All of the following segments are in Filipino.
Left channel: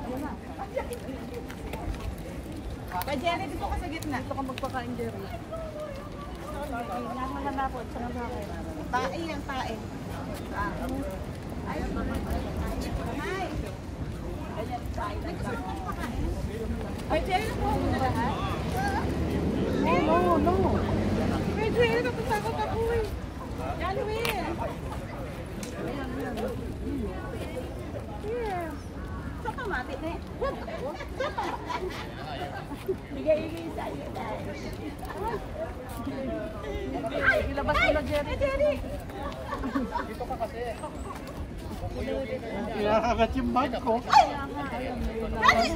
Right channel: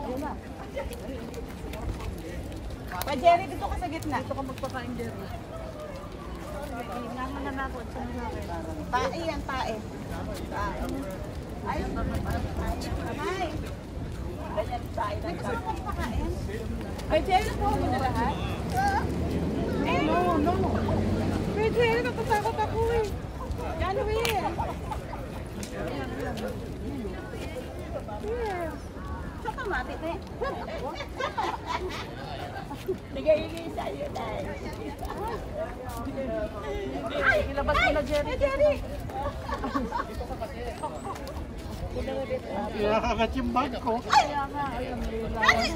Ayun na. Pa Jerry, dito ka sa gitna. Dito ka magpakain, Jerry. Sige, inangan na ako. Sama sa akin. Pae yan, pae. Ay, kamay. Ganyan tayo lang. Ay, Jerry, po mo na lahat? No. Ay, Jerry, natatakot ako eh. January. Ayan. Yeah. Sa kamati na eh. Bigay sa'yo dahil. Ay, ilabas mo na, Jerry. Jerry! Kinakagat yung bag ko. Ay! Ayun, may lawan.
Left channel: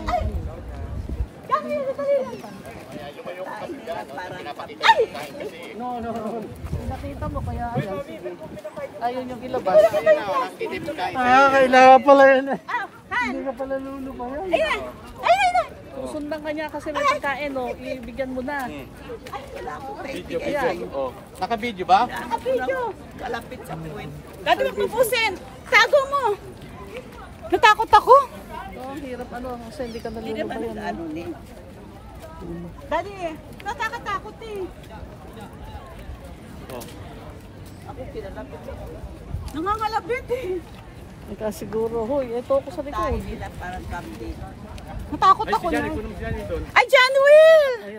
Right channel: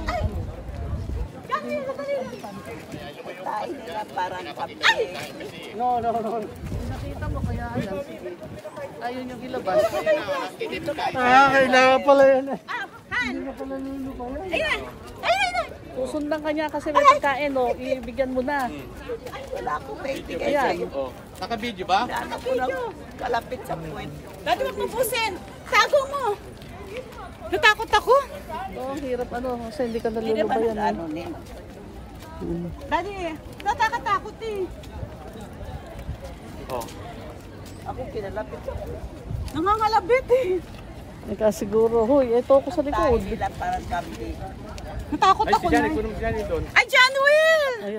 Dami, dali lang. Ay, parang kapit. No. Nakita mo kaya ayan, sige. Ayun yung ilabas. Kailangan pala yun eh. Hindi na pala lulo pa yun. Ayun! Susundan ka niya kasi may pagkain, oh. Ibigyan mo na. Ay, wala akong ready. Ayan. Naka-video ba? Nakapvideo. Kalapit sa point. Dati magpupusin. Sago mo. Natakot ako. Ang hirap kasi hindi ka nalulubayan. Dati, natatakot eh. Ako kinalapit sa point. Nangangalabit eh. Ika siguro, huy, ito ako sa likod. Parang sabi. Natakot ako na. Ay, si Johnny doon. Ah, John Will!